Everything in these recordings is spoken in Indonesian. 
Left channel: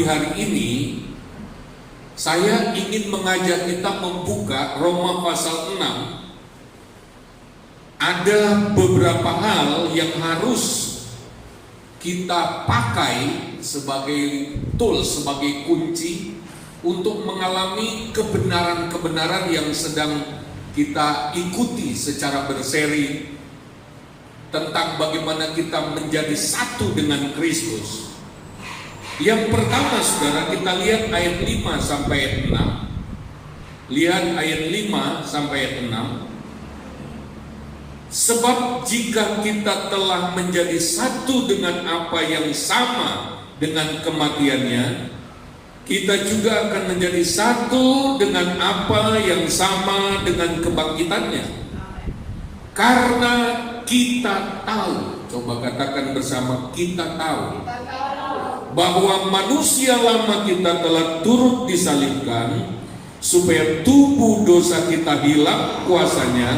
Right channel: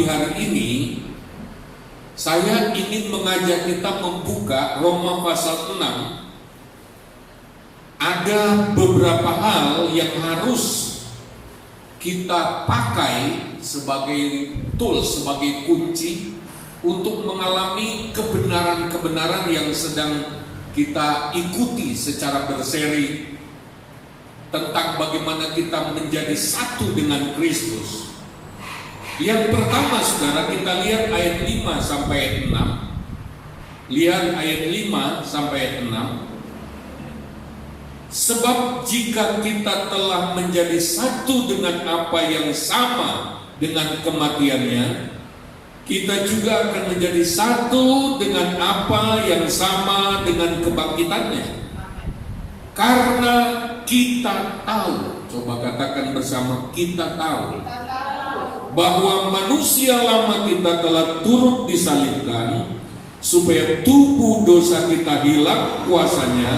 pagi hari ini saya ingin mengajak kita membuka Roma pasal 6. Ada beberapa hal yang harus kita pakai sebagai tool, sebagai kunci untuk mengalami kebenaran-kebenaran yang sedang kita ikuti secara berseri tentang bagaimana kita menjadi satu dengan Kristus. Yang pertama, saudara, kita lihat ayat 5 sampai 6. Lihat ayat 5 sampai 6. Sebab jika kita telah menjadi satu dengan apa yang sama dengan kematiannya, kita juga akan menjadi satu dengan apa yang sama dengan kebangkitannya. Karena kita tahu, coba katakan bersama, kita tahu bahwa manusia lama kita telah turut disalibkan supaya tubuh dosa kita hilang kuasanya,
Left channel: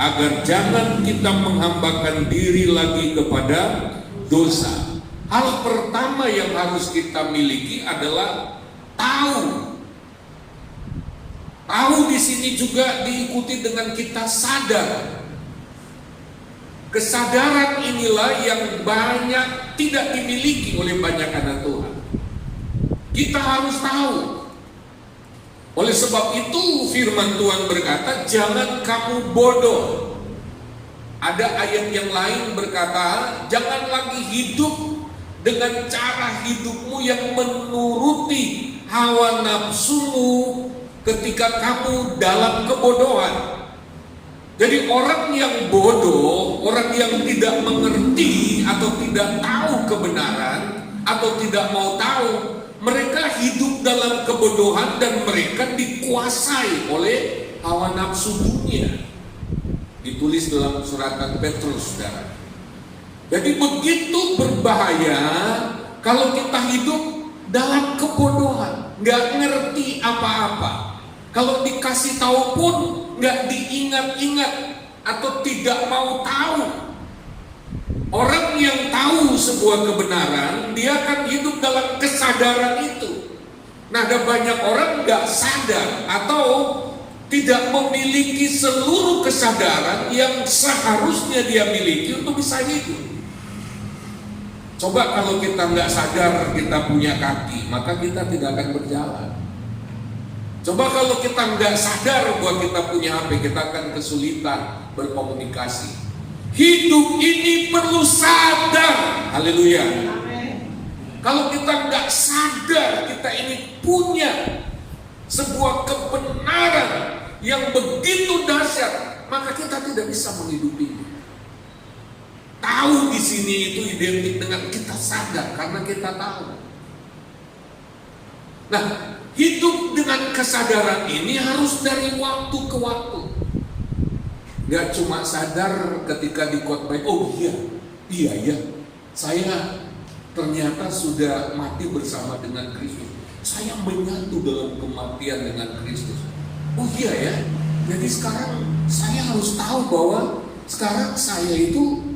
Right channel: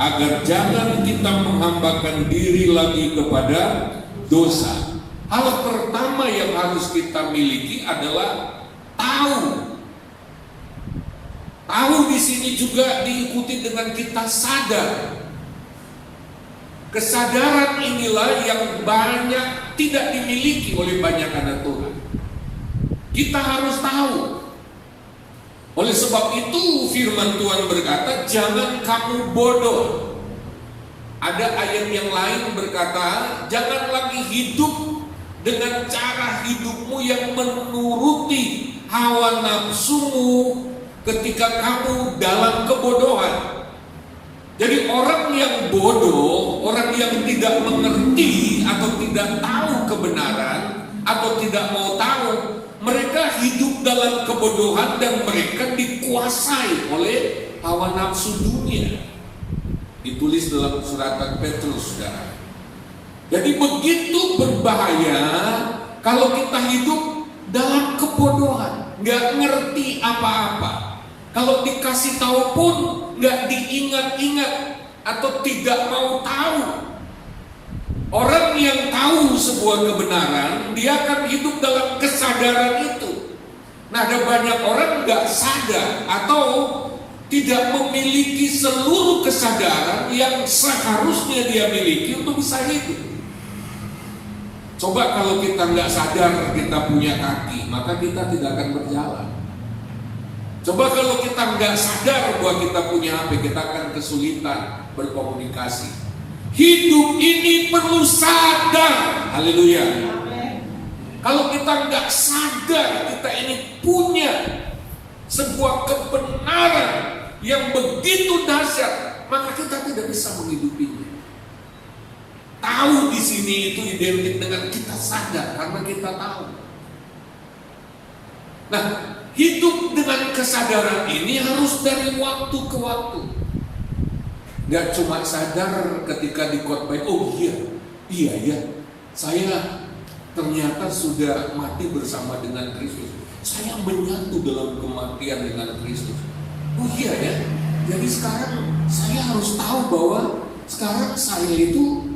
agar jangan kita menghambakan diri lagi kepada dosa. Hal pertama yang harus kita miliki adalah tahu. Tahu di sini juga diikuti dengan kita sadar. Kesadaran inilah yang banyak tidak dimiliki oleh banyak anak Tuhan. Kita harus tahu. Oleh sebab itu firman Tuhan berkata, jangan kamu bodoh. Ada ayat yang lain berkata, jangan lagi hidup dengan cara hidupmu yang menuruti hawa nafsumu ketika kamu dalam kebodohan. Jadi orang yang bodoh, orang yang tidak mengerti atau tidak tahu kebenaran atau tidak mau tahu, mereka hidup dalam kebodohan dan mereka dikuasai oleh hawa nafsu dunia. Ditulis dalam surat Petrus, saudara. Jadi begitu berbahaya kalau kita hidup dalam kebodohan, nggak ngerti apa-apa. Kalau dikasih tahu pun nggak diingat-ingat atau tidak mau tahu. Orang yang tahu sebuah kebenaran, dia akan hidup dalam kesadaran itu. Nah, ada banyak orang nggak sadar atau tidak memiliki seluruh kesadaran yang seharusnya dia miliki untuk bisa hidup. Coba kalau kita nggak sadar kita punya kaki, maka kita tidak akan berjalan. Coba kalau kita nggak sadar bahwa kita punya HP, kita akan kesulitan berkomunikasi. Hidup ini perlu sadar. Haleluya. Kalau kita nggak sadar kita ini punya sebuah kebenaran yang begitu dahsyat, maka kita tidak bisa menghidupinya. Tahu di sini itu identik dengan kita sadar karena kita tahu. Nah, hidup dengan kesadaran ini harus dari waktu ke waktu. Gak cuma sadar ketika dikhotbah, oh iya ya, saya ternyata sudah mati bersama dengan Kristus. Saya menyatu dalam kematian dengan Kristus. Oh iya ya, jadi sekarang saya harus tahu bahwa sekarang saya itu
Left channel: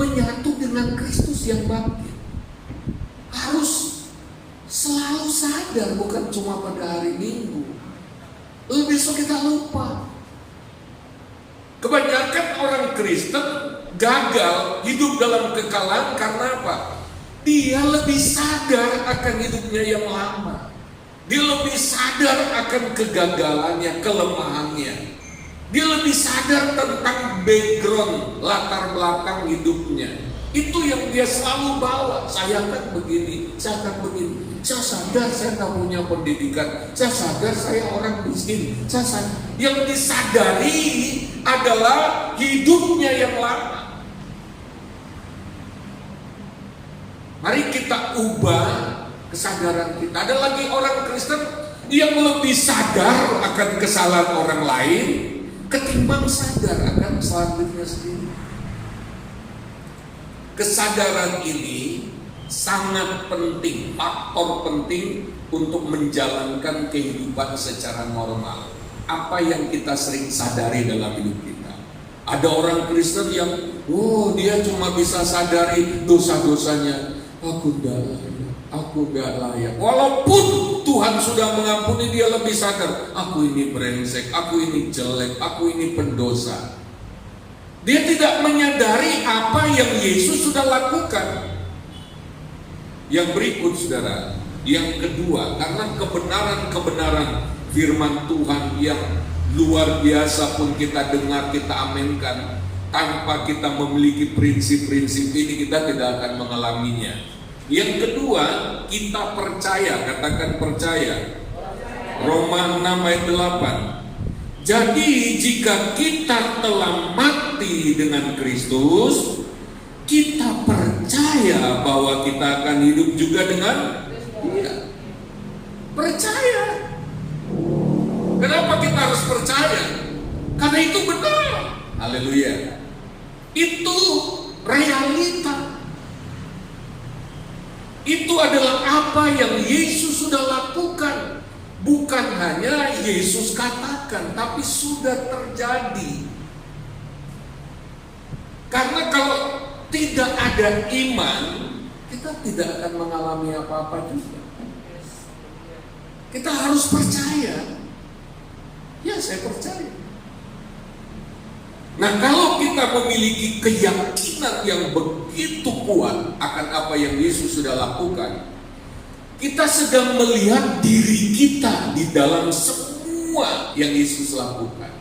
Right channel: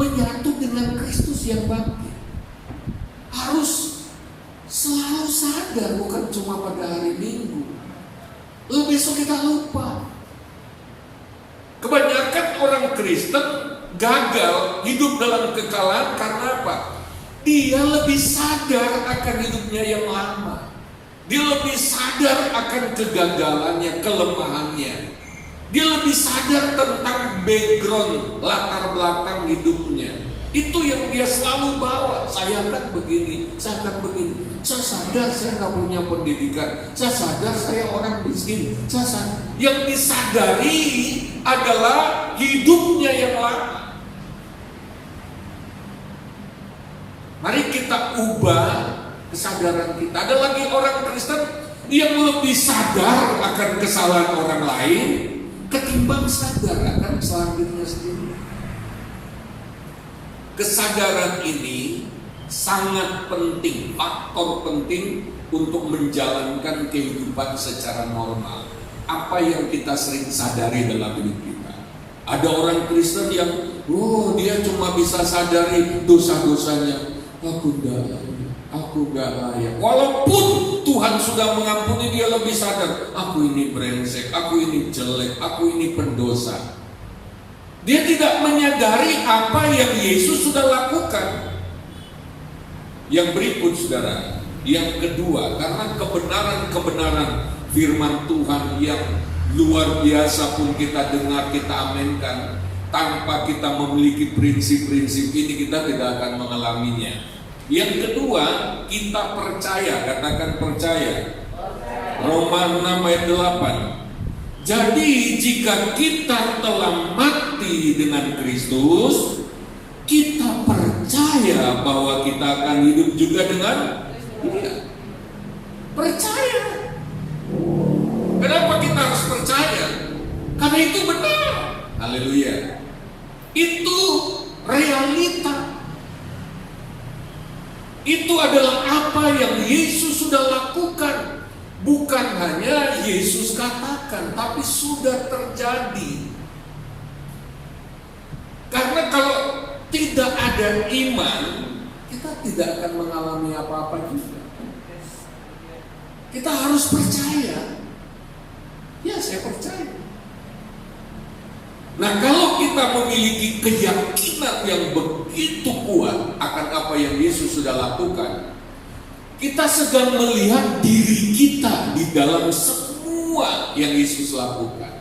menyatu dengan Kristus yang bangkit. Harus selalu sadar, bukan cuma pada hari Minggu. Besok kita lupa. Kebanyakan orang Kristen gagal hidup dalam kekalahan karena apa? Dia lebih sadar akan hidupnya yang lama. Dia lebih sadar akan kegagalannya, kelemahannya. Dia lebih sadar tentang background, latar belakang hidupnya. Itu yang dia selalu bawa. Saya akan begini, saya akan begini. Saya sadar saya nggak punya pendidikan. Saya sadar saya orang miskin. Saya sadar. Yang disadari adalah hidupnya yang lama. Mari kita ubah kesadaran kita. Ada lagi orang Kristen yang lebih sadar akan kesalahan orang lain ketimbang sadar akan kesalahan dirinya sendiri. Kesadaran ini sangat penting, faktor penting untuk menjalankan kehidupan secara normal. Apa yang kita sering sadari dalam hidup kita. Ada orang Kristen yang, dia cuma bisa sadari dosa-dosanya. Aku aku gak layak. Walaupun Tuhan sudah mengampuni, dia lebih sadar, aku ini brengsek, aku ini jelek, aku ini pendosa. Dia tidak menyadari apa yang Yesus sudah lakukan. Yang berikut saudara, yang kedua, karena kebenaran-kebenaran firman Tuhan yang luar biasa pun kita dengar, kita aminkan, tanpa kita memiliki prinsip-prinsip ini kita tidak akan mengalaminya. Yang kedua, kita percaya, katakan percaya. Roma 6 ayat 8. Jadi jika kita telah mati dengan Kristus, kita percaya bahwa kita akan hidup juga dengan Dia. Percaya. Kenapa kita harus percaya? Karena itu benar. Haleluya. Itu realita. Itu adalah apa yang Yesus sudah lakukan. Bukan hanya Yesus katakan, tapi sudah terjadi. Karena kalau tidak ada iman, kita tidak akan mengalami apa-apa juga. Kita harus percaya. Ya, saya percaya. Nah, kalau kita memiliki keyakinan yang begitu kuat akan apa yang Yesus sudah lakukan, kita sedang melihat diri kita di dalam semua yang Yesus lakukan.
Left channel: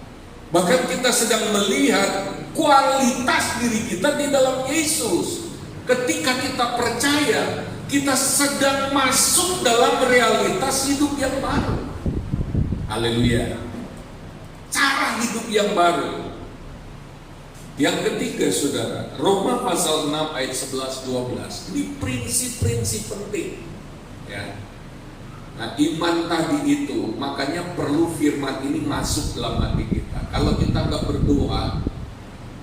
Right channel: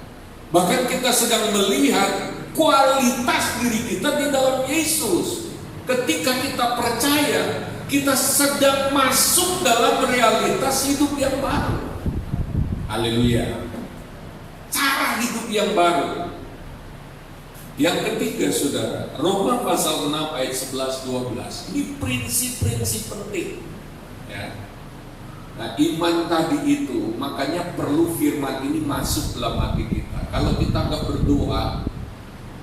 Bahkan kita sedang melihat kualitas diri kita di dalam Yesus. Ketika kita percaya, kita sedang masuk dalam realitas hidup yang baru. Haleluya. Cara hidup yang baru. Yang ketiga saudara, Roma pasal 6 ayat 11-12. Ini prinsip-prinsip penting. Ya. Nah, iman tadi itu makanya perlu firman ini masuk dalam hati kita. Kalau kita nggak berdoa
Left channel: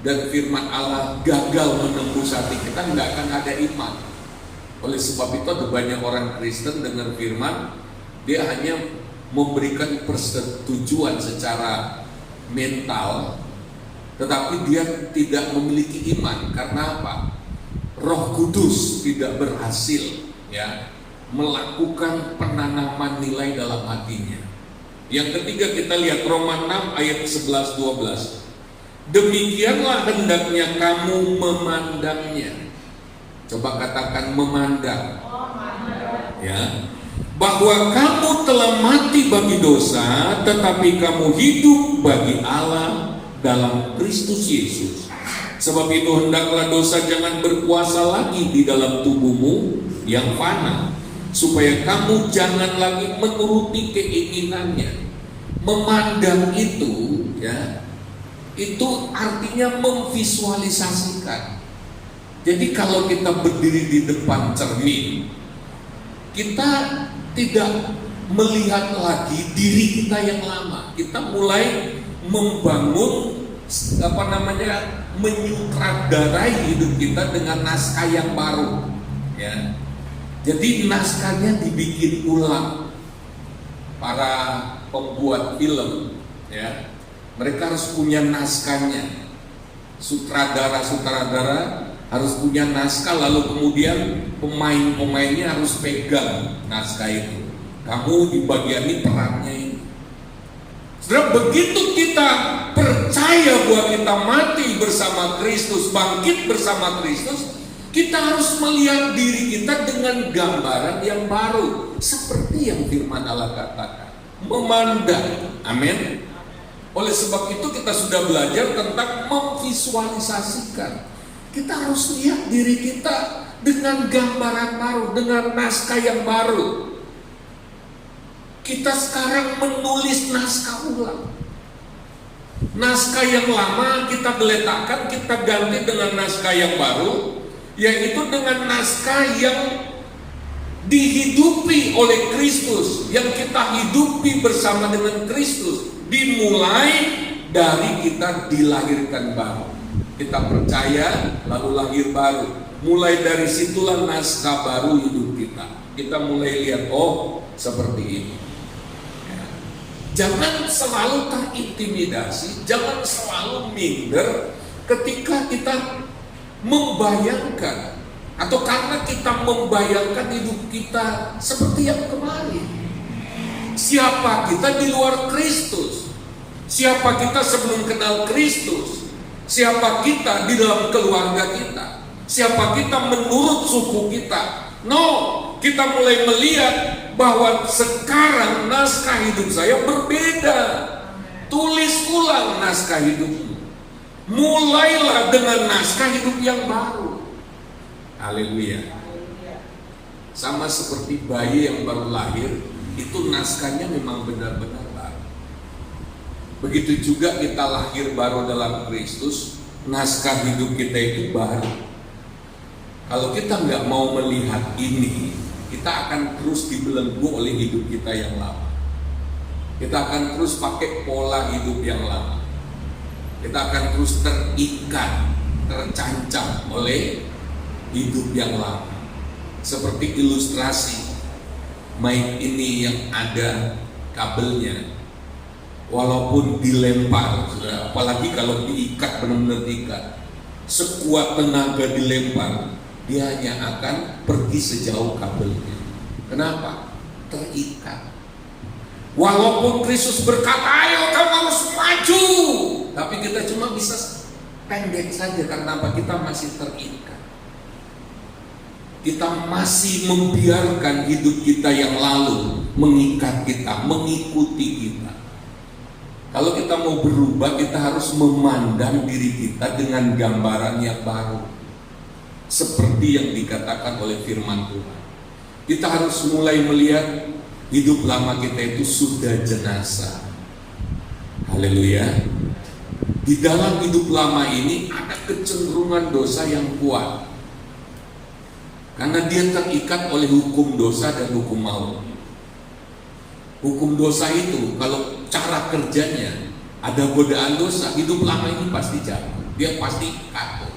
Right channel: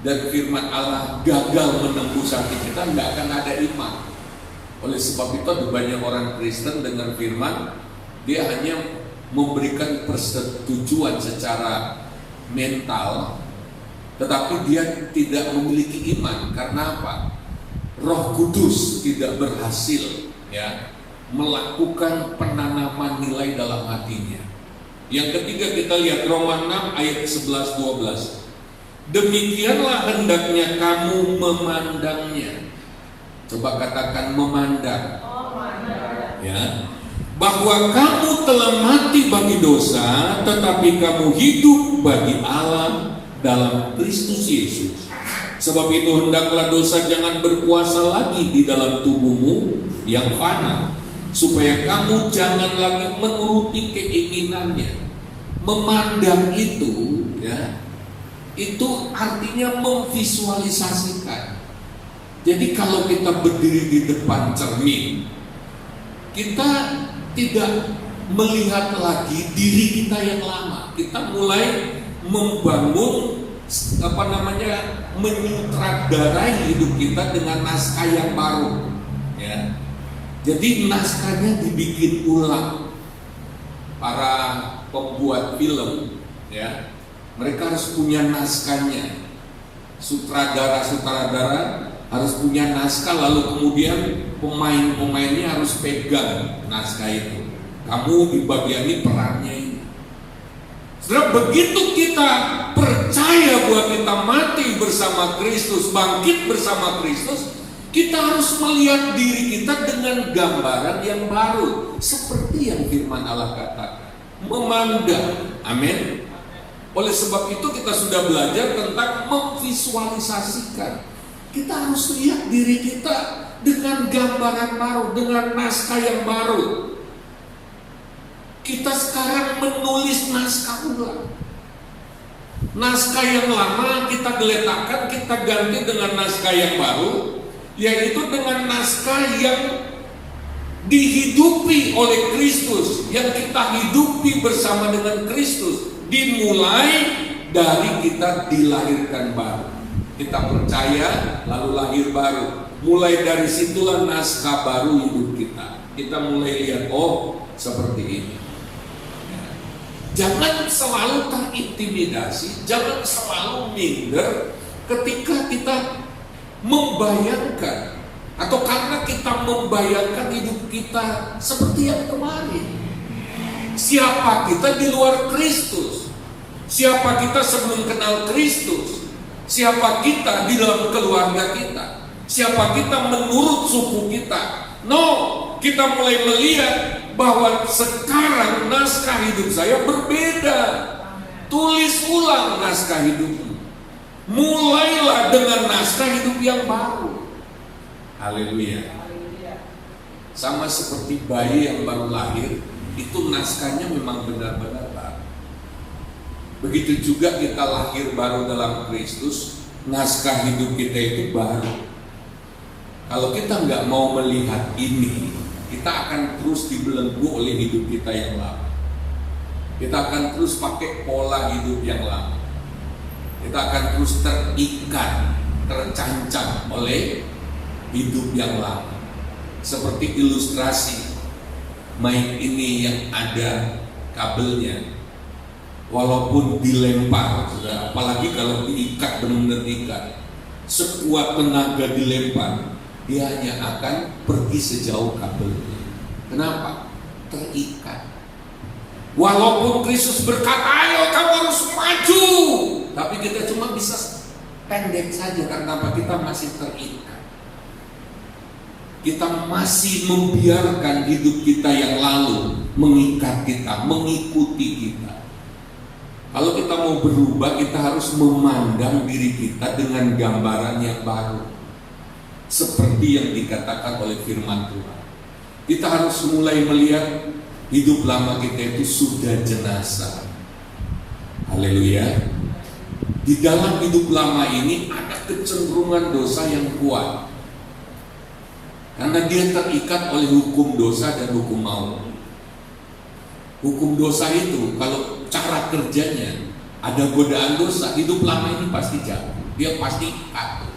dan firman Allah gagal menembus hati kita, nggak akan ada iman. Oleh sebab itu ada banyak orang Kristen dengan firman, dia hanya memberikan persetujuan secara mental, tetapi dia tidak memiliki iman. Karena apa? Roh Kudus tidak berhasil ya melakukan penanaman nilai dalam hatinya. Yang ketiga kita lihat Roma 6 ayat 11-12. Demikianlah hendaknya kamu memandangnya. Coba katakan memandang. Ya. Bahwa kamu telah mati bagi dosa, tetapi kamu hidup bagi Allah dalam Kristus Yesus. Sebab itu hendaklah dosa jangan berkuasa lagi di dalam tubuhmu yang fana, supaya kamu jangan lagi menuruti keinginannya. Memandang itu ya, itu artinya memvisualisasikan. Jadi kalau kita berdiri di depan cermin, kita tidak melihat lagi diri kita yang lama. Kita mulai membangun menyutradarai hidup kita dengan naskah yang baru ya. Jadi naskahnya dibikin ulang. Para pembuat film ya, mereka harus punya naskahnya. Sutradara harus punya naskah, lalu kemudian pemain-pemainnya harus pegang naskah itu. Kamu di bagian ini perannya ini. Setelah begitu kita percaya bahwa kita mati bersama Kristus, bangkit bersama Kristus, kita harus melihat diri kita dengan gambaran yang baru, seperti yang firman Allah katakan, memandang. Amin. Oleh sebab itu kita sudah belajar tentang memvisualisasikan. Kita harus lihat diri kita dengan gambaran baru, dengan naskah yang baru. Kita sekarang menulis naskah ulang. Naskah yang lama kita geletakkan, kita ganti dengan naskah yang baru, yaitu dengan naskah yang dihidupi oleh Kristus, yang kita hidupi bersama dengan Kristus, dimulai dari kita dilahirkan baru. Kita percaya lalu lahir baru. Mulai dari situlah naskah baru hidup kita. Kita mulai lihat, oh seperti ini. Jangan selalu terintimidasi, jangan selalu minder ketika kita membayangkan Atau karena kita membayangkan hidup kita seperti yang kemarin? Siapa kita di luar Kristus? Siapa kita sebelum kenal Kristus? Siapa kita di dalam keluarga kita? Siapa kita menurut suku kita? No, kita mulai melihat bahwa sekarang naskah hidup saya berbeda. Tulis ulang naskah hidupmu. Mulailah dengan naskah hidup yang baru. Haleluya. Sama seperti bayi yang baru lahir, itu naskahnya memang benar-benar baru. Begitu juga kita lahir baru dalam Kristus, naskah hidup kita itu baru. Kalau kita nggak mau melihat ini, kita akan terus dibelenggu oleh hidup kita yang lama. Kita akan terus pakai pola hidup yang lama. Kita akan terus terikat, tercancam oleh hidup yang lama. Seperti ilustrasi mic ini yang ada kabelnya, walaupun dilempar, apalagi kalau diikat, benar-benar diikat, sekuat tenaga dilempar, dia hanya akan pergi sejauh kabelnya. Kenapa? Terikat. Walaupun Kristus berkata, ayo kamu harus maju, tapi kita cuma bisa pendek saja. Karena apa? Kita masih terikat. Kita masih membiarkan hidup kita yang lalu mengikat kita, mengikuti kita. Kalau kita mau berubah, kita harus memandang diri kita dengan gambaran yang baru, seperti yang dikatakan oleh firman Tuhan. Kita harus mulai melihat hidup lama kita itu sudah jenazah. Haleluya. Di dalam hidup lama ini ada kecenderungan dosa yang kuat, karena dia terikat oleh hukum dosa dan hukum maut. Hukum dosa itu kalau cara kerjanya ada godaan dosa, hidup lama ini pasti jatuh. Dia pasti jatuh.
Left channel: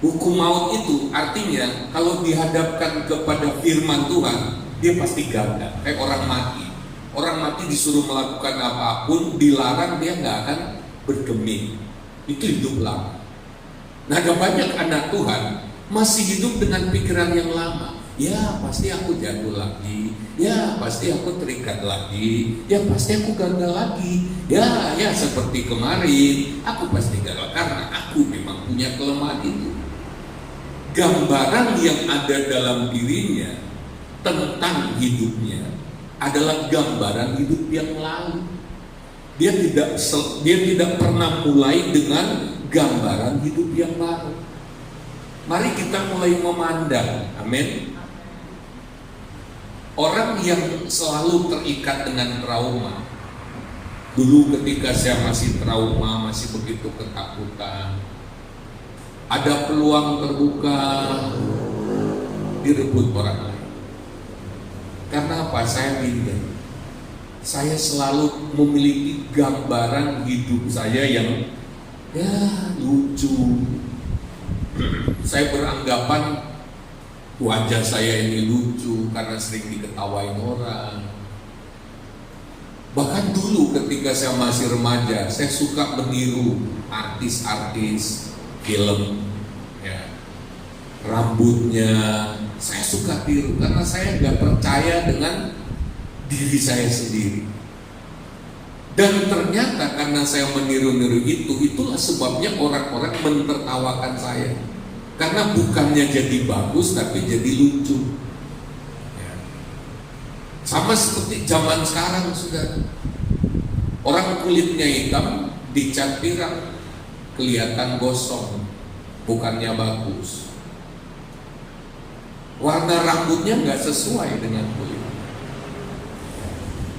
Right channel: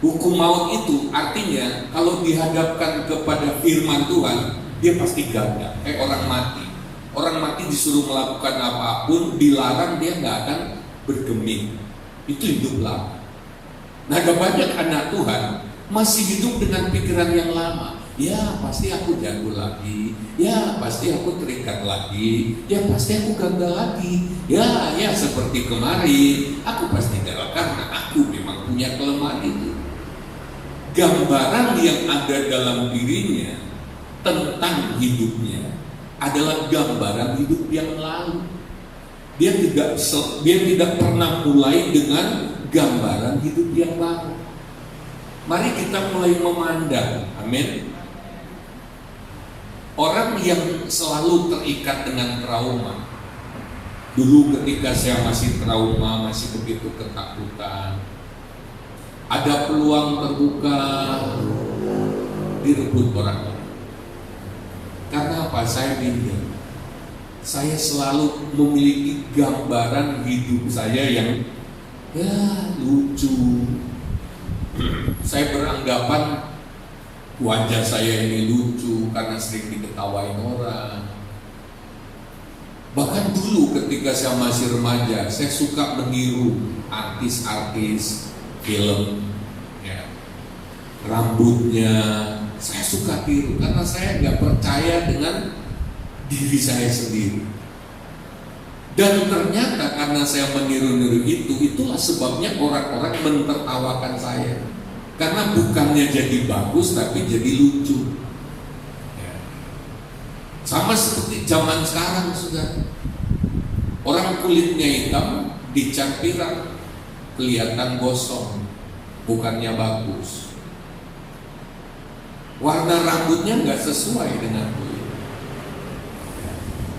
Hukum maut itu artinya kalau dihadapkan kepada firman Tuhan, dia pasti gagal. Kayak orang mati. Orang mati disuruh melakukan apapun, dilarang, dia nggak akan bergeming. Itu hidup lama. Nah, ada banyak anak Tuhan masih hidup dengan pikiran yang lama. Ya pasti aku jatuh lagi. Ya pasti aku terikat lagi. Ya pasti aku gagal lagi. Ya seperti kemarin, aku pasti gagal karena aku memang punya kelemahan itu. Gambaran yang ada dalam dirinya tentang hidupnya adalah gambaran hidup yang lalu. Dia tidak pernah mulai dengan gambaran hidup yang baru. Mari kita mulai memandang, amin. Orang yang selalu terikat dengan trauma. Dulu ketika saya masih trauma, masih begitu ketakutan, ada peluang terbuka, direbut orang lain. Karena apa? Saya minder. Saya selalu memiliki gambaran hidup saya yang lucu. Saya beranggapan wajah saya ini lucu karena sering diketawain orang. Bahkan dulu ketika saya masih remaja, saya suka meniru artis-artis film, rambutnya saya suka tiru karena saya nggak percaya dengan diri saya sendiri. Dan ternyata karena saya meniru-niru itulah sebabnya orang-orang mentertawakan saya. Karena bukannya jadi bagus tapi jadi lucu. Sama seperti zaman sekarang sudah. Orang kulitnya hitam dicat pirang, kelihatan gosong, bukannya bagus. Warna rambutnya nggak sesuai dengan kulit.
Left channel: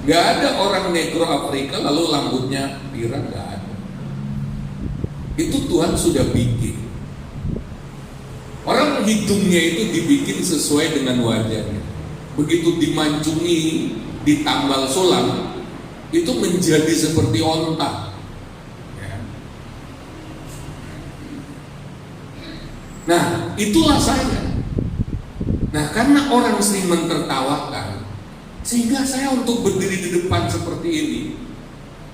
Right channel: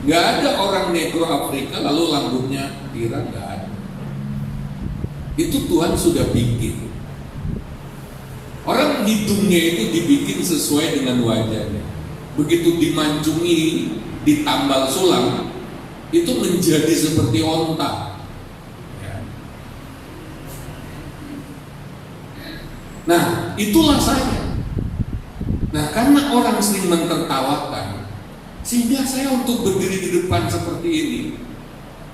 Nggak ada orang negro Afrika lalu rambutnya pirang, nggak ada. Itu Tuhan sudah bikin. Orang hidungnya itu dibikin sesuai dengan wajahnya. Begitu dimancungi, ditambal sulam, itu menjadi seperti onta. Nah, itulah saya. Nah, karena orang sering mentertawakan, sehingga saya untuk berdiri di depan seperti ini,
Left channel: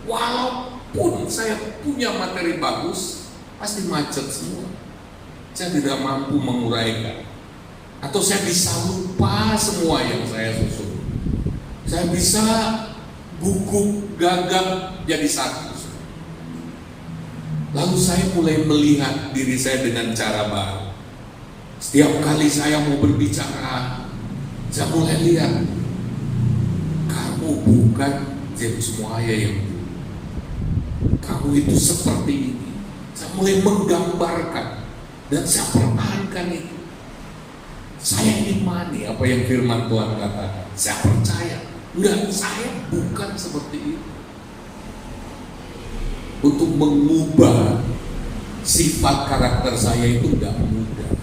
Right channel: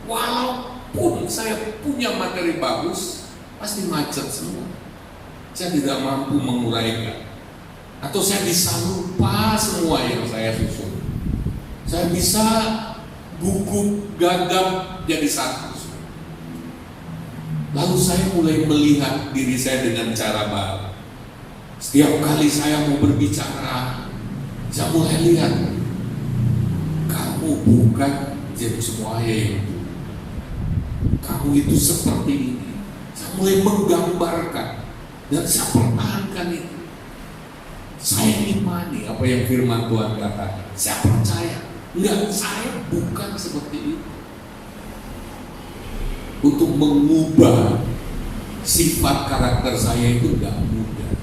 walaupun saya punya materi bagus, pasti macet semua. saya tidak mampu menguraikan. Atau saya bisa lupa semua yang saya susun. Saya bisa gugup gagap jadi satu. Lalu saya mulai melihat diri saya dengan cara baru. Setiap kali saya mau berbicara, saya mulai lihat, kamu bukan James Muaya yang dulu. Kamu itu seperti ini. Saya mulai menggambarkan dan saya pertahankan itu. Saya imani apa yang firman Tuhan katakan. Saya percaya. Enggak, saya bukan seperti itu. Untuk mengubah sifat karakter saya itu tidak mudah,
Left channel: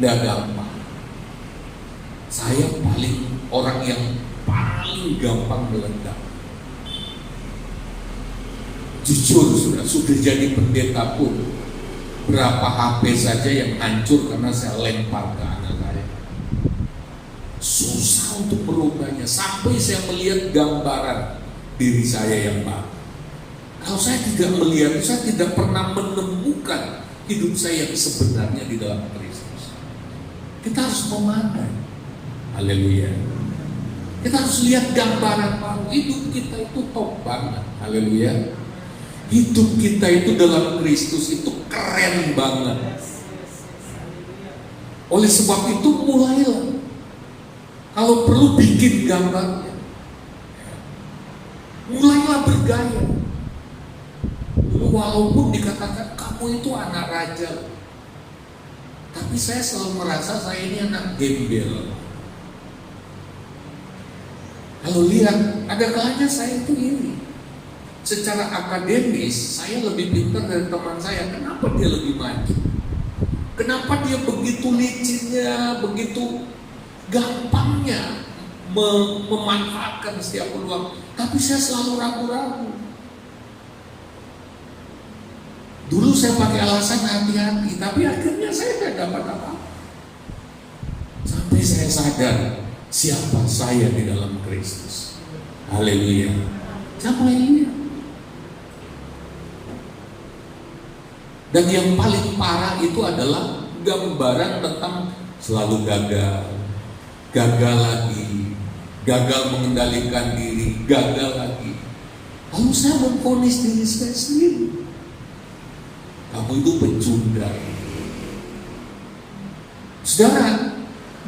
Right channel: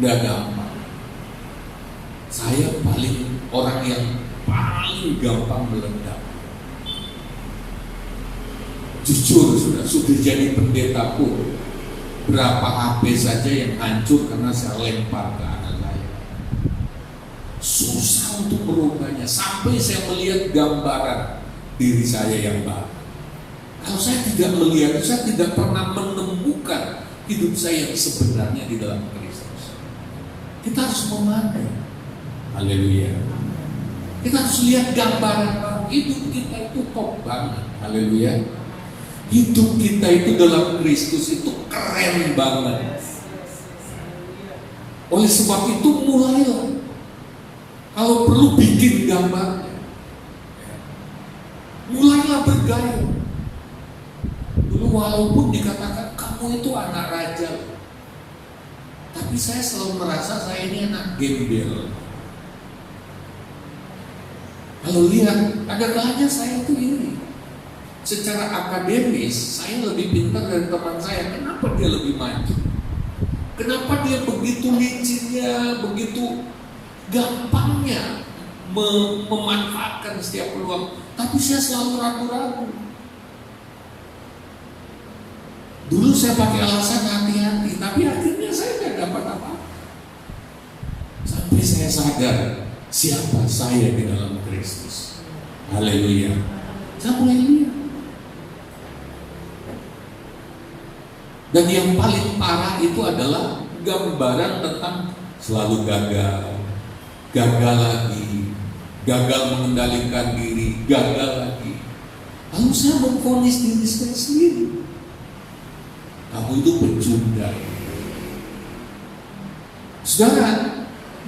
tidak gampang. Saya orang yang paling gampang meledak. Jujur sudah jadi pendeta pun, berapa HP saja yang hancur karena saya lempar ke anak saya. Susah untuk merubahnya sampai saya melihat gambaran diri saya yang baru. Kalau saya tidak melihat, saya tidak pernah menemukan hidup saya yang sebenarnya di dalam Kristus. Kita harus memandang. Haleluya. Kita harus lihat gambaran baru. Hidup kita itu top banget. Haleluya. Hidup kita itu dalam Kristus itu keren banget. Oleh sebab itu mulailah. Kalau perlu bikin gambarnya, mulailah bergaya. Dulu walaupun dikatakan kamu itu anak raja, tapi saya selalu merasa saya ini anak gembel. Kalau lihat, ada kalanya saya itu iri. Secara akademis, saya lebih pintar dari teman saya. Kenapa dia lebih maju? Kenapa dia begitu licinnya, begitu gampangnya memanfaatkan setiap peluang? Tapi saya selalu ragu-ragu. Dulu saya pakai alasan hati-hati, tapi akhirnya saya tidak dapat apa-apa. Sampai saya sadar siapa saya di dalam Kristus. Haleluya. Saya mulai lihat. Dan yang paling parah itu adalah gambaran tentang selalu gagal lagi, gagal mengendalikan diri, gagal lagi. Lalu saya memvonis diri saya sendiri. Kamu itu pecundang. Saudara,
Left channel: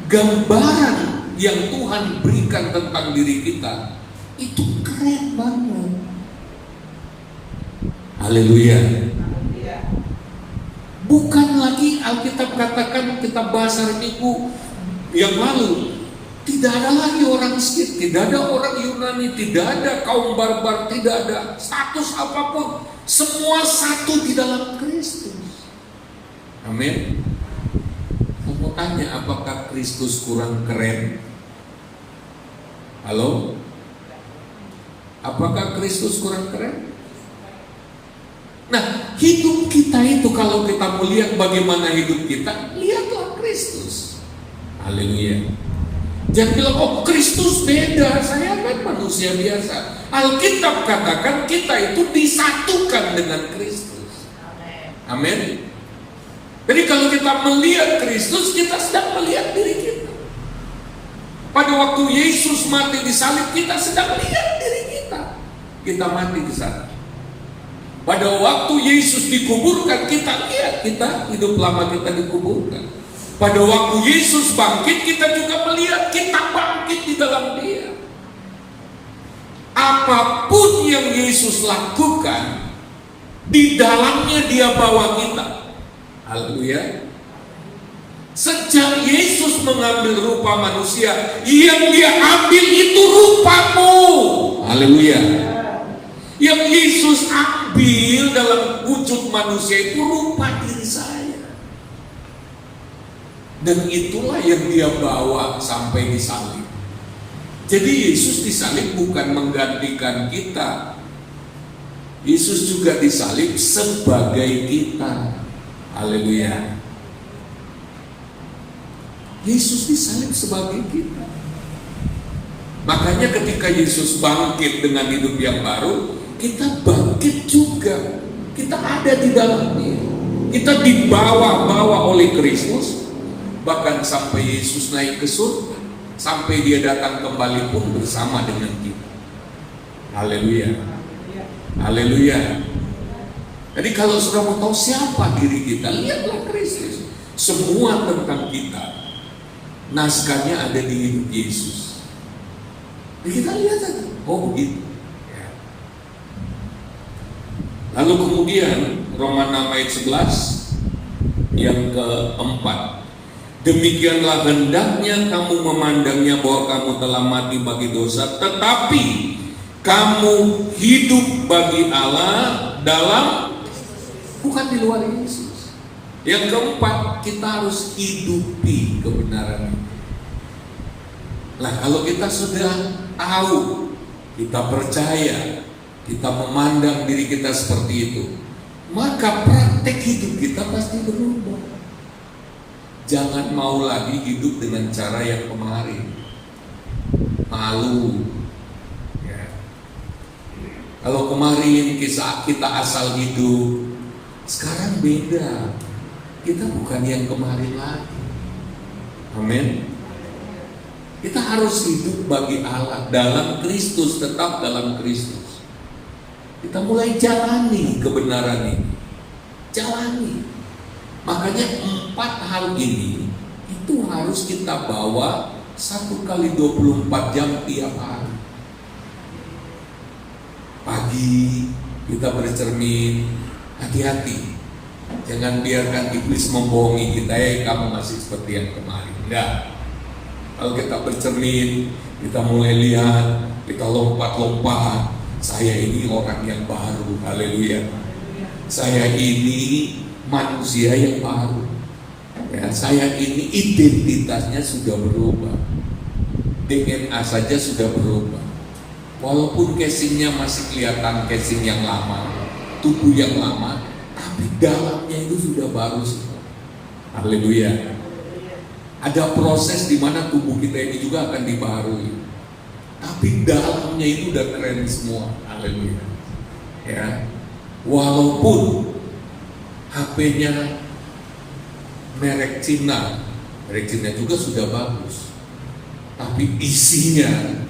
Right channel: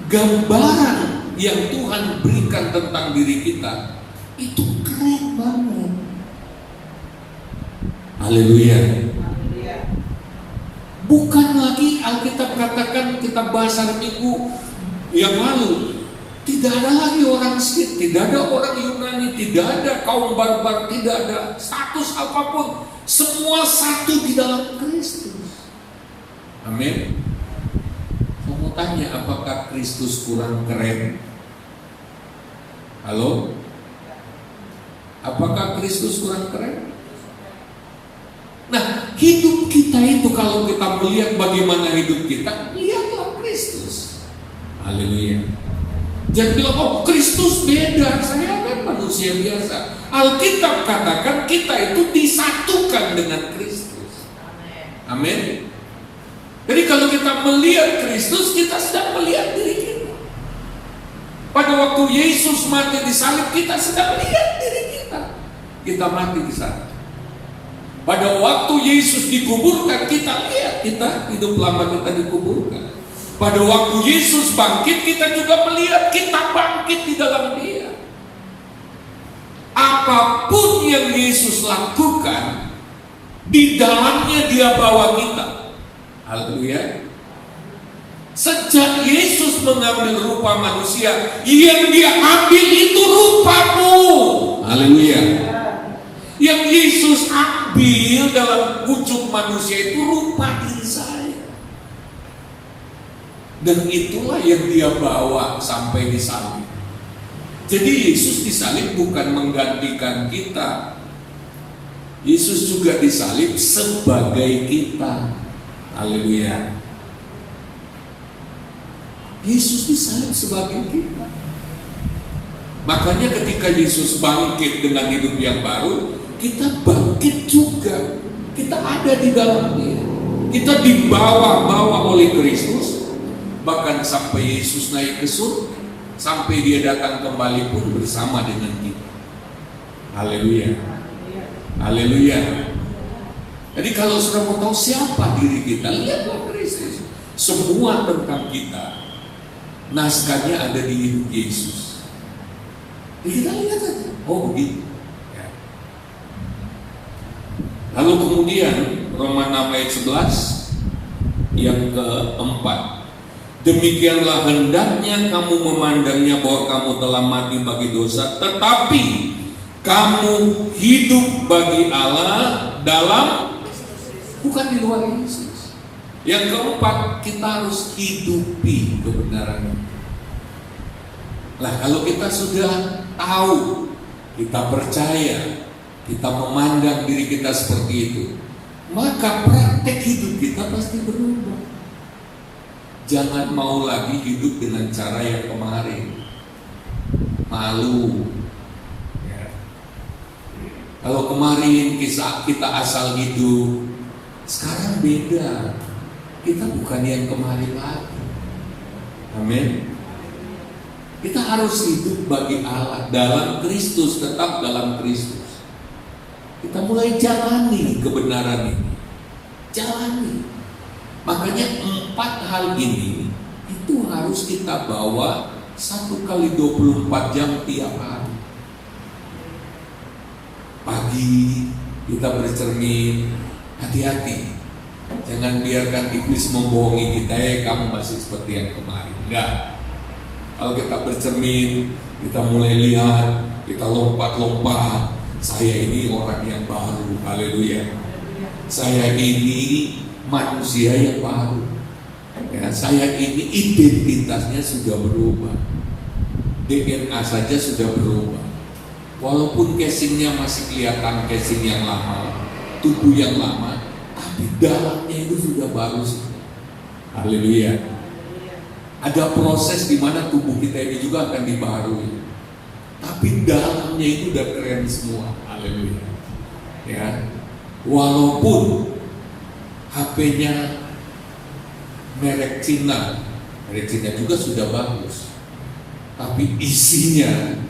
gambaran yang Tuhan berikan tentang diri kita itu keren banget. Haleluya. Bukan lagi Alkitab katakan, kita bahas hari Minggu yang lalu, tidak ada lagi orang miskin, tidak ada orang Yunani, tidak ada kaum barbar, tidak ada status apapun. Semua satu di dalam Kristus. Amin. Saya mau tanya, apakah Kristus kurang keren? Halo? Apakah Kristus kurang keren? Nah, hidup kita itu kalau kita melihat bagaimana hidup kita, lihatlah Kristus. Haleluya. Jangan bilang, oh Kristus beda, saya kan manusia biasa. Alkitab katakan kita itu disatukan dengan Kristus. Amin. Jadi kalau kita melihat Kristus, kita sedang melihat diri kita. Pada waktu Yesus mati di salib, kita sedang melihat diri kita. Kita mati di sana. Pada waktu Yesus dikuburkan, kita lihat kita hidup lama kita dikuburkan. Pada waktu Yesus bangkit, kita juga melihat kita bangkit di dalam Dia. Apapun yang Yesus lakukan, di dalamnya Dia bawa kita. Haleluya. Sejak Yesus mengambil rupa manusia, yang Dia ambil itu rupamu. Haleluya. Yang Yesus ambil dalam wujud manusia itu rupa diri saya. Dan itulah yang Dia bawa sampai di salib. Jadi Yesus disalib bukan menggantikan kita. Yesus juga disalib sebagai kita. Haleluya. Yesus disalib sebagai kita. Makanya ketika Yesus bangkit dengan hidup yang baru, kita bangkit juga. Kita ada di dalam Dia. Kita dibawa-bawa oleh Kristus, bahkan sampai Yesus naik ke surga, sampai dia datang kembali pun bersama dengan kita. Haleluya. Haleluya. Jadi kalau sudah mau tahu siapa diri kita, lihatlah Kristus. Semua tentang kita, naskahnya ada di hidup Yesus. Jadi kita lihat saja, oh begitu. Ya. Lalu kemudian Roma 6 ayat 11 yang keempat. Demikianlah hendaknya kamu memandangnya bahwa kamu telah mati bagi dosa, tetapi kamu hidup bagi Allah dalam, bukan di luar Yesus. Yang keempat, kita harus hidupi kebenaran. Nah, kalau kita sudah tahu, kita percaya, kita memandang diri kita seperti itu, maka praktek hidup kita pasti berubah. Jangan mau lagi hidup dengan cara yang kemarin. Malu. Ya. Kalau kemarin kita asal hidup, sekarang beda. Kita bukan yang kemarin lagi. Amin. Kita harus hidup bagi Allah dalam Kristus, tetap dalam Kristus. Kita mulai jalani kebenaran ini. Jalani. Makanya 4 hal ini itu harus kita bawa 1 kali 24 jam tiap hari. Pagi kita bercermin, hati-hati. Jangan biarkan iblis membohongi kita, kamu masih seperti yang kemarin. Enggak. Kalau kita bercermin, kita mulai lihat, kita lompat-lompat. Saya ini orang yang baru, haleluya. Saya ini manusia yang baru. Ya, saya ini identitasnya sudah berubah. DNA saja sudah berubah. Walaupun casingnya masih kelihatan casing yang lama, tubuh yang lama, tapi dalamnya itu sudah baru. Haleluya. Ada proses di mana tubuh kita ini juga akan dibaharui. Tapi dalamnya itu udah keren semua. Haleluya. Ya. Walaupun HP-nya merek Cina juga sudah bagus, tapi isinya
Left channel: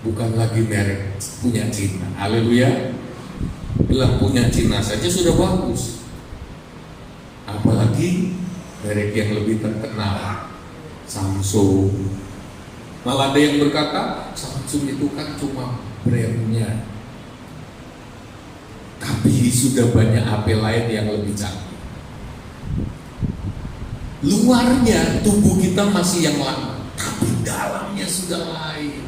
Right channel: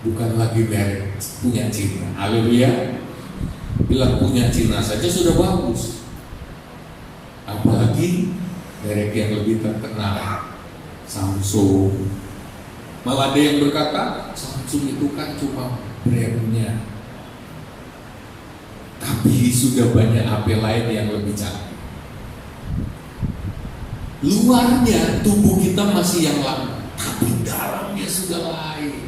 bukan lagi merek punya Cina. Haleluya. Bila punya Cina saja sudah bagus, apalagi merek yang lebih terkenal, Samsung. Malah ada yang berkata Samsung itu kan cuma brandnya, tapi sudah banyak HP lain yang lebih canggih. Luarnya tubuh kita masih yang lama, tapi dalamnya sudah lain.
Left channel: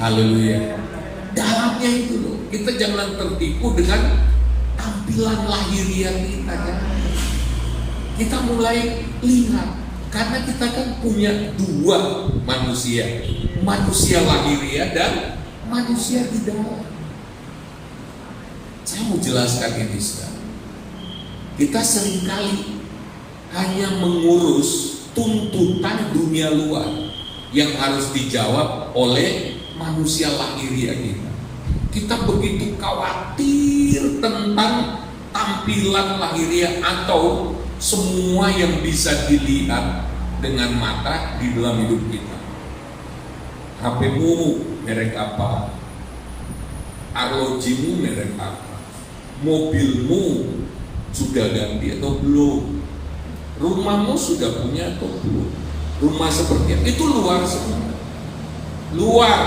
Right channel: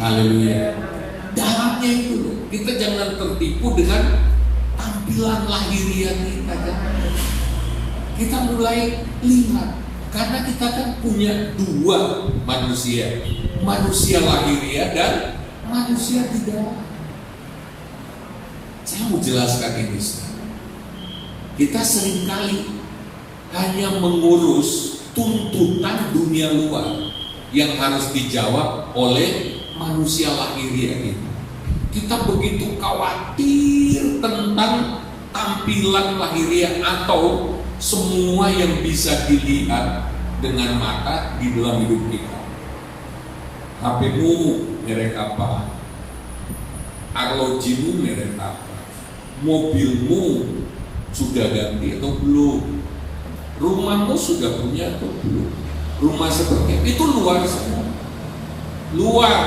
Haleluya. Dalamnya itu loh. Kita jangan tertipu dengan tampilan lahiriah kita. Kita mulai lihat, karena kita kan punya 2 manusia, manusia lahiriah dan manusia di dalam. Saya mau jelaskan ini sekarang. Kita seringkali hanya mengurus tuntutan dunia luar yang harus dijawab oleh manusia lahiriah kita. Kita begitu khawatir tentang tampilan lahiriah atau semua yang bisa dilihat dengan mata di dalam hidup kita. HP-mu merek apa? Arlojimu merek apa? Mobilmu sudah ganti atau belum? Rumahmu sudah punya atau belum? Rumah seperti itu luar semua. Luar.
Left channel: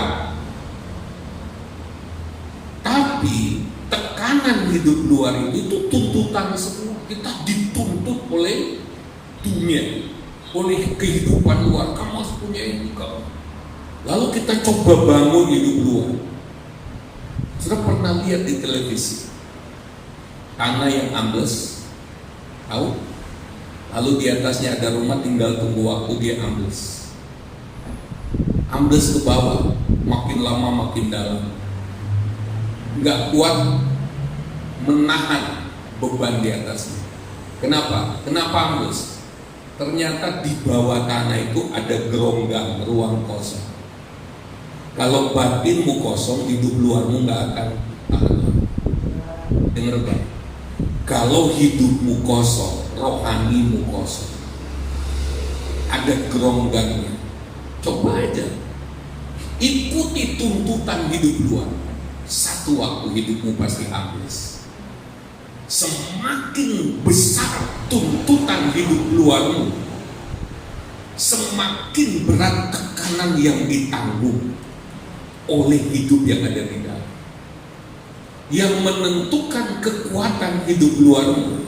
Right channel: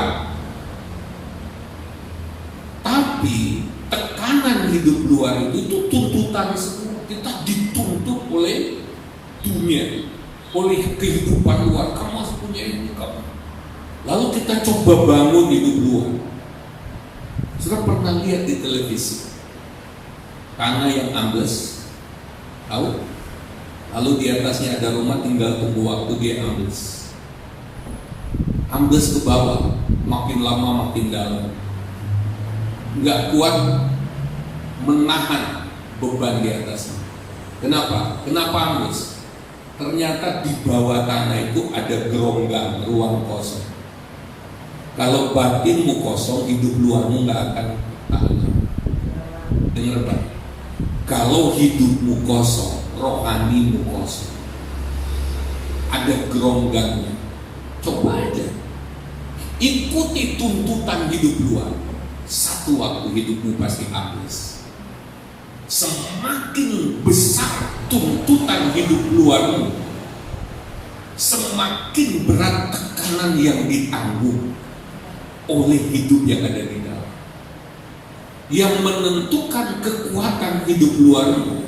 Tapi tekanan hidup luar itu tuntutan semua. Kita dituntut oleh dunia, oleh kehidupan luar. Kamu harus punya ini, kamu. Lalu kita coba bangun hidup luar. Sudah pernah lihat di televisi tanah yang ambles, tahu? Lalu di atasnya ada rumah, tinggal tunggu waktu dia ambles. Ambles ke bawah, makin lama makin dalam. Nggak kuat menahan beban di atasnya. Kenapa? Kenapa ambles? Ternyata di bawah tanah itu ada geronggang, ruang kosong. Kalau batinmu kosong, hidup luarmu nggak akan tahan. Dengar baik. Kalau hidupmu kosong, rohanimu kosong, ada geronggangnya, coba aja ikuti tuntutan hidup luar. Satu waktu hidupmu pasti habis. Semakin besar tuntutan hidup luarmu, semakin berat tekanan yang ditanggung oleh hidup yang ada di dalam. Yang menentukan kekuatan hidup luarmu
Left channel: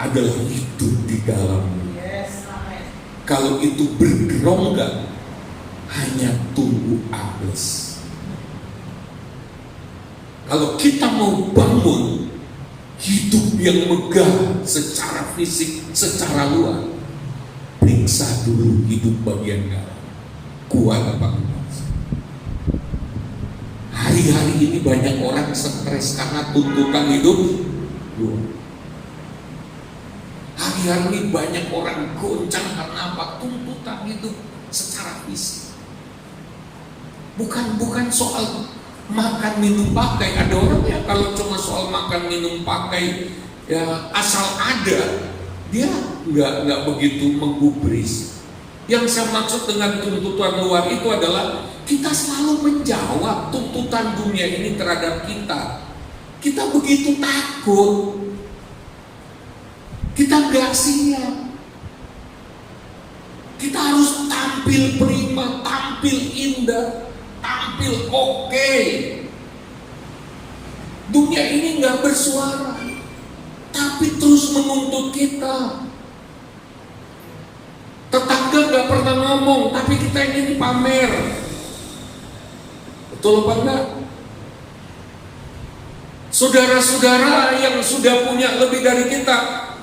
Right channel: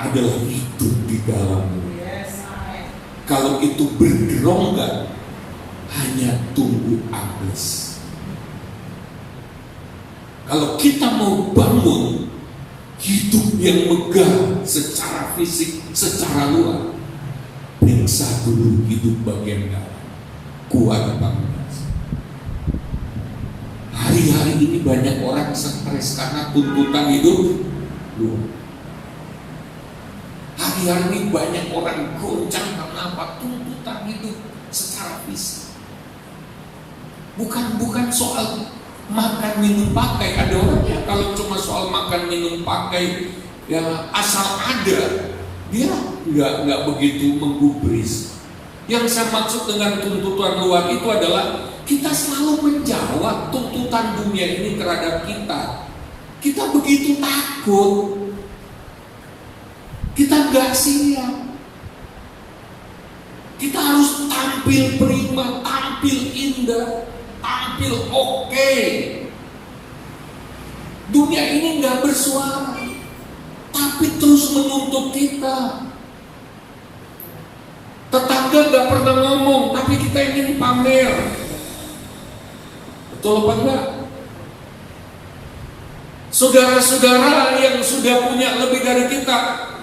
adalah hidup di dalammu. Kalau itu bergerongga, hanya tunggu habis. Kalau kita mau bangun hidup yang megah secara fisik, secara luar, periksa dulu hidup bagian dalam. Kuat apa enggak? Hari-hari ini banyak orang stres karena tuntutan hidup luar. Hari-hari ini banyak orang goncang karena apa? Tuntutan hidup secara fisik. Bukan soal makan minum pakai. Ada orangnya kalau cuma soal makan minum pakai ya asal ada, dia nggak begitu menggubris. Yang saya maksud dengan tuntutan luar itu adalah kita selalu menjawab tuntutan dunia ini terhadap kita. Kita begitu takut, kita nggak siap. Kita harus tampil prima, tampil indah, tampil oke. Dunia ini nggak bersuara, tapi terus menuntut kita. Tetangga nggak pernah ngomong, tapi kita ingin pamer. Betul apa enggak? Saudara-saudara yang sudah punya lebih dari kita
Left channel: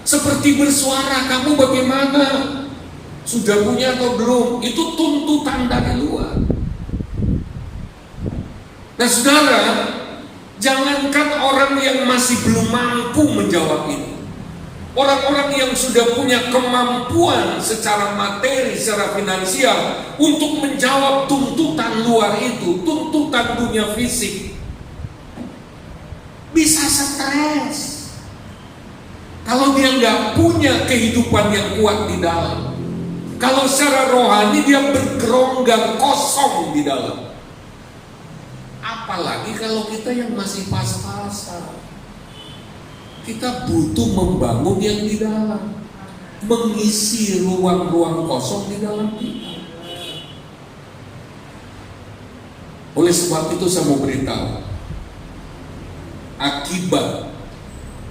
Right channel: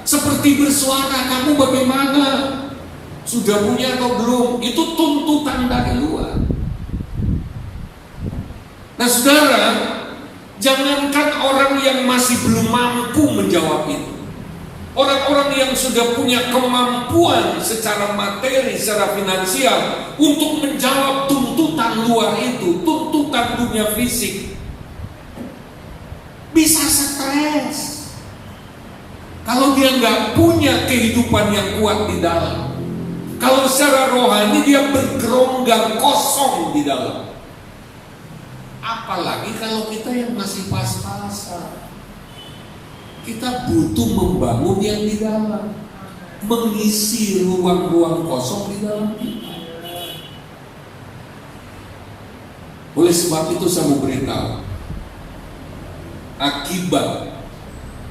seperti bersuara, kamu bagaimana? Sudah punya atau belum? Itu tuntutan dari luar. Nah saudara, jangankan orang yang masih belum mampu menjawab itu, orang-orang yang sudah punya kemampuan secara materi, secara finansial untuk menjawab tuntutan luar itu, tuntutan dunia fisik, bisa stres kalau dia nggak punya kehidupan yang kuat di dalam. Kalau secara rohani dia bergeronggang kosong di dalam. Apalagi kalau kita yang masih pas-pasan. Kita butuh membangun yang di dalam, mengisi ruang-ruang kosong di dalam kita. Oleh sebab itu saya mau beritahu, akibat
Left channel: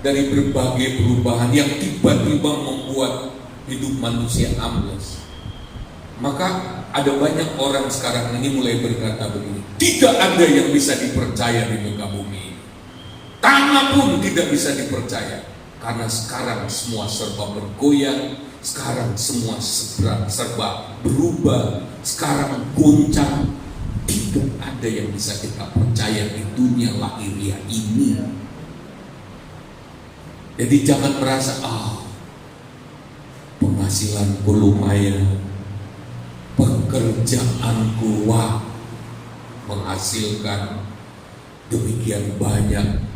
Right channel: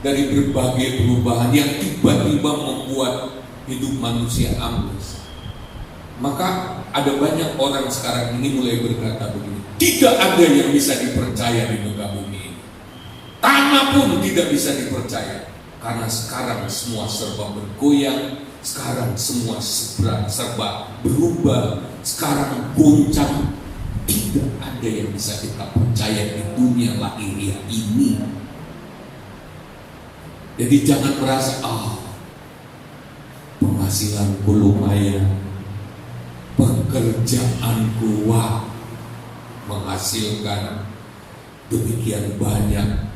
dari berbagai perubahan yang tiba-tiba membuat hidup manusia ambles, maka ada banyak orang sekarang ini mulai berkata begini, tidak ada yang bisa dipercaya di muka bumi ini. Tanah pun tidak bisa dipercaya, karena sekarang semua serba bergoyang, sekarang semua serba berubah, sekarang goncang. Tidak ada yang bisa kita percaya di dunia lahiriah ini. Jadi jangan merasa penghasilanku lumayan, pekerjaanku menghasilkan demikian banyak,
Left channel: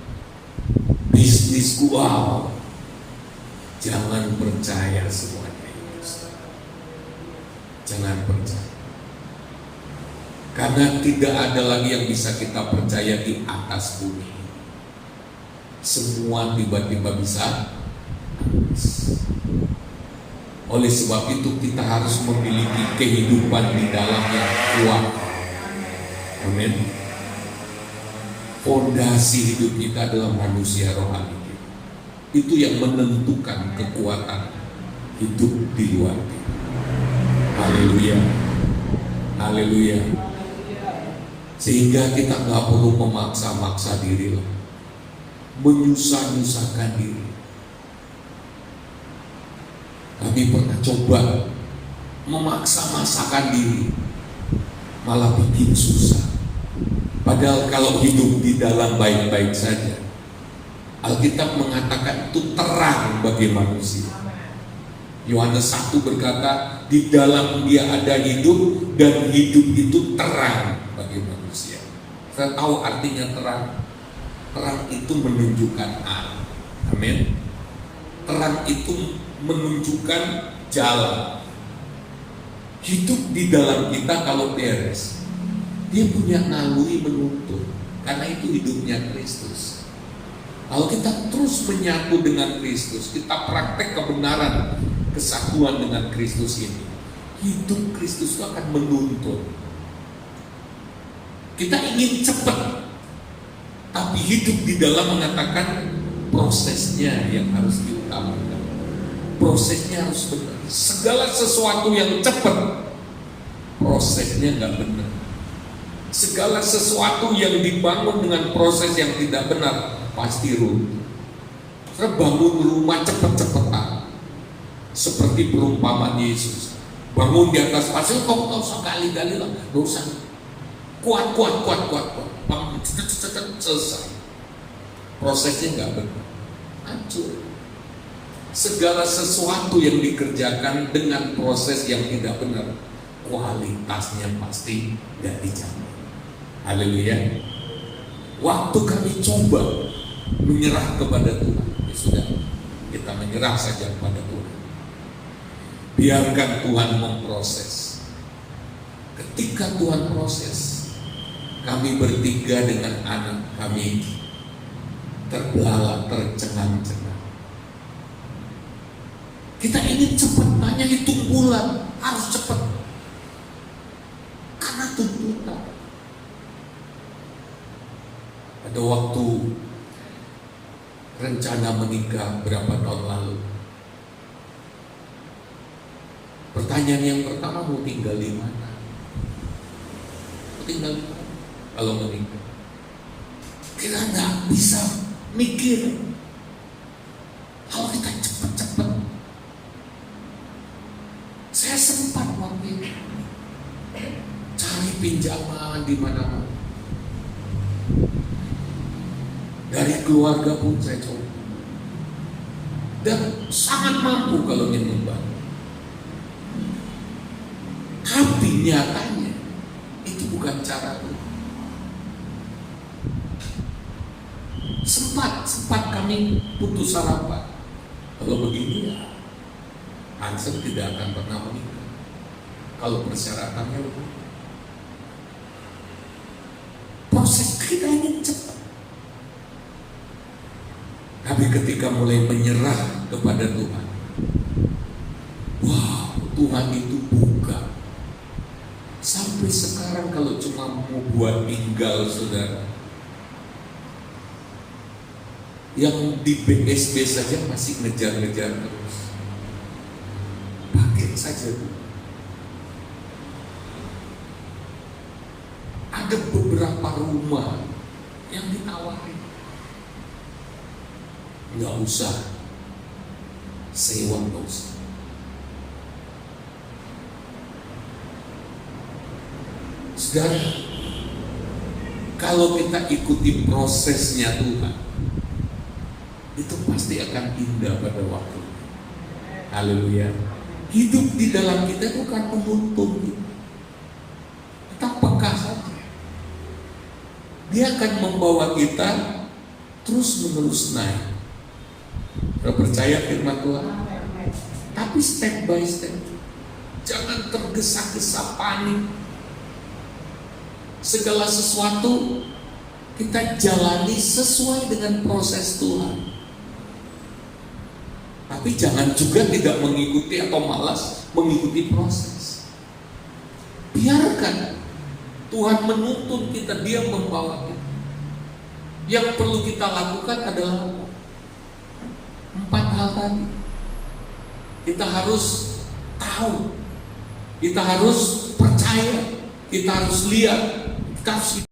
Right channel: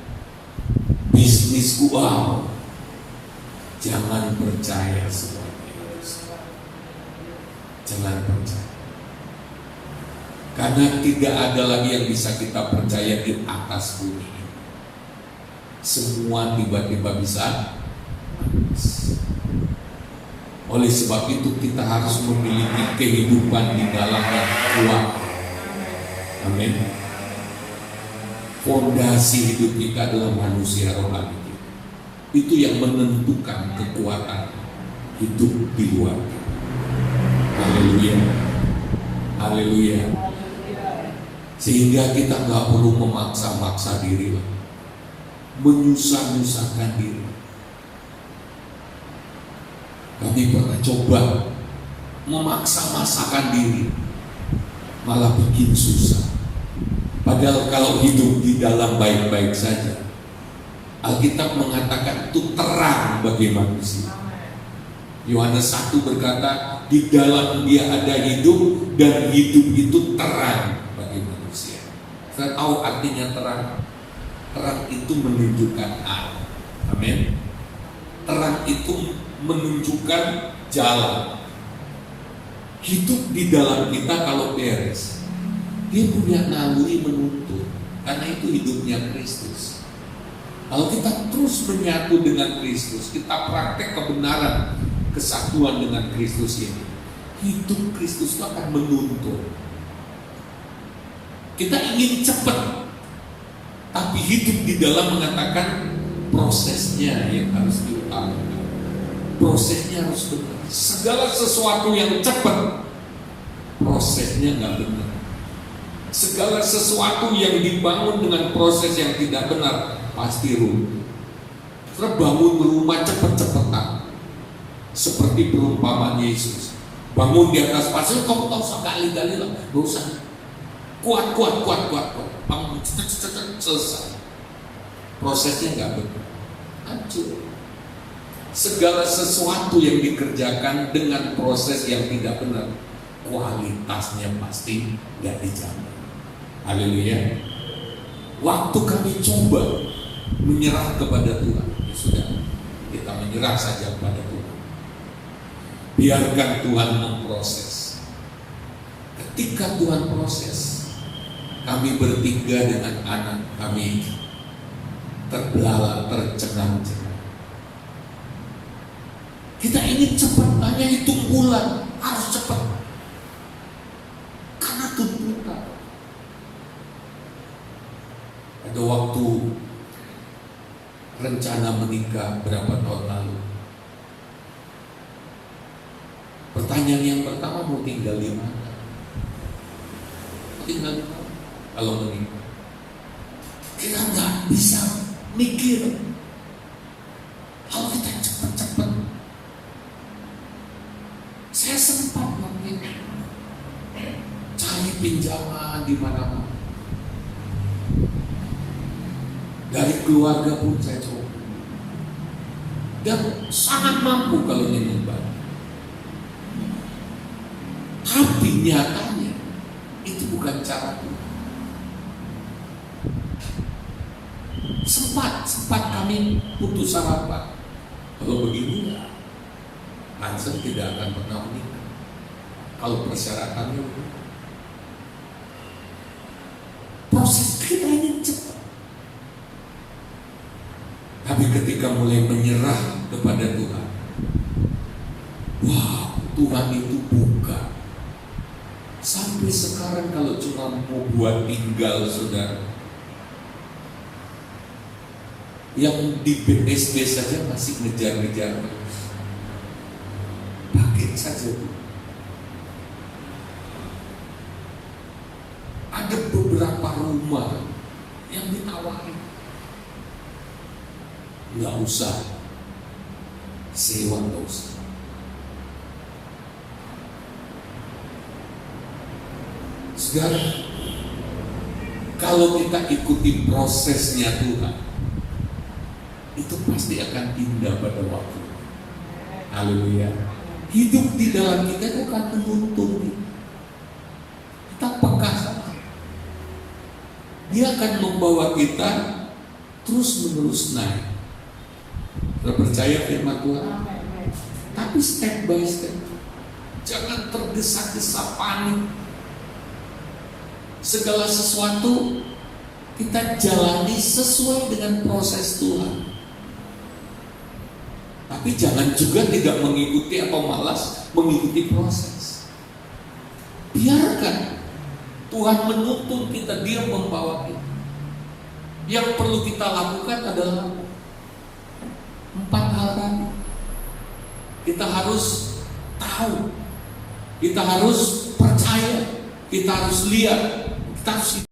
bisnisku Jangan percaya semuanya itu. Jangan percaya. Karena tidak ada lagi yang bisa kita percaya di atas bumi. Semua tiba-tiba bisa habis. Oleh sebab itu kita harus memiliki kehidupan di dalam yang kuat. Amin. Fondasi hidup kita adalah manusia rohani. Itu yang menentukan kekuatan hidup di luar. Haleluya. Haleluya. Sehingga kita gak perlu memaksa-maksa diri, menyusah-nyusahkan diri. Kami pernah coba memaksa-maksakan diri, malah bikin susah. Padahal kalau hidup di dalam baik-baik saja, Alkitab mengatakan itu terang bagi manusia. Yohanes 1 berkata, di dalam dia ada hidup, dan hidup itu terang bagi manusia. Saya tahu artinya terang. Terang itu menunjukkan arah. Amin. Terang itu menunjukkan jalan. Hidup di dalam kita kalau beres, dia punya naluri menuntun, karena itu hidupnya Kristus. Kalau kita terus menyatu dengan Kristus, kita praktek kebenaran kesatuan dengan Kristus ini, hidup Kristus itu akan menuntun. Kita ingin cepat, tapi hidup di dalam mengatakan prosesnya yang harus diutamakan. Prosesnya harus benar. Segala sesuatu yang cepat, prosesnya nggak benar. Segala sesuatu yang dibangun dengan proses yang tidak benar pasti runtuh. Karena bangun rumah cepat-cepatan, seperti perumpamaan Yesus. Bangun di atas pasir, kok sekali-kali lah, dosa. Kuat. Bangun, selesai. Prosesnya nggak benar, hancur. Segala sesuatu yang dikerjakan dengan proses yang tidak benar, kualitasnya pasti nggak dijamin. Haleluya. Waktu kami coba menyerah kepada Tuhan, ya sudah, kita menyerah saja kepada Tuhan. Biarkan Tuhan memproses. Ketika Tuhan proses, kami bertiga dengan anak kami terbelalak, tercengang-cengang. Kita ingin cepat, hanya hitung bulan, harus cepat. Karena tuntutan. Ada waktu rencana menikah berapa tahun lalu. Pertanyaan yang pertama, mau tinggal di mana? Mau tinggal di mana? Kalau menikah, kita nggak bisa mikir. Kalau kita cepat-cepat, saya sempat waktu itu cari pinjaman di mana-mana. Dari keluarga pun saya coba, dan sangat mampu kalau menyembah. Tapi nyatanya itu bukan cara Tuhan. Sempat kami putus harapan. Kalau begini, Hansen tidak akan pernah menikah. Kalau persyaratannya, proses kita ingin cepat. Tapi ketika mulai menyerah kepada Tuhan, wow, Tuhan itu buka. Sampai sekarang kalau cuma mau buat tinggal, saudara, yang di BSD saja masih ngejar-ngejar terus. Pakai saja tuh. Ada beberapa rumah yang ditawarin, nggak usah sewa terus. Saudara, kalau kita ikuti prosesnya Tuhan, itu pasti akan indah pada waktu. Haleluya. Hidup di dalam kita bukan menuntun. Kita peka saja. Dia akan membawa kita terus menerus naik. Kita percaya firman Tuhan. Tapi step by step. Jangan tergesa-gesa panik. Segala sesuatu kita jalani sesuai dengan proses Tuhan. Tapi jangan juga tidak mengikuti atau malas mengikuti proses. Biarkan Tuhan menuntun kita, Dia membawa kita. Yang perlu kita lakukan adalah 4 hal tadi. Kita harus tahu, kita harus percaya, kita harus lihat, kita harus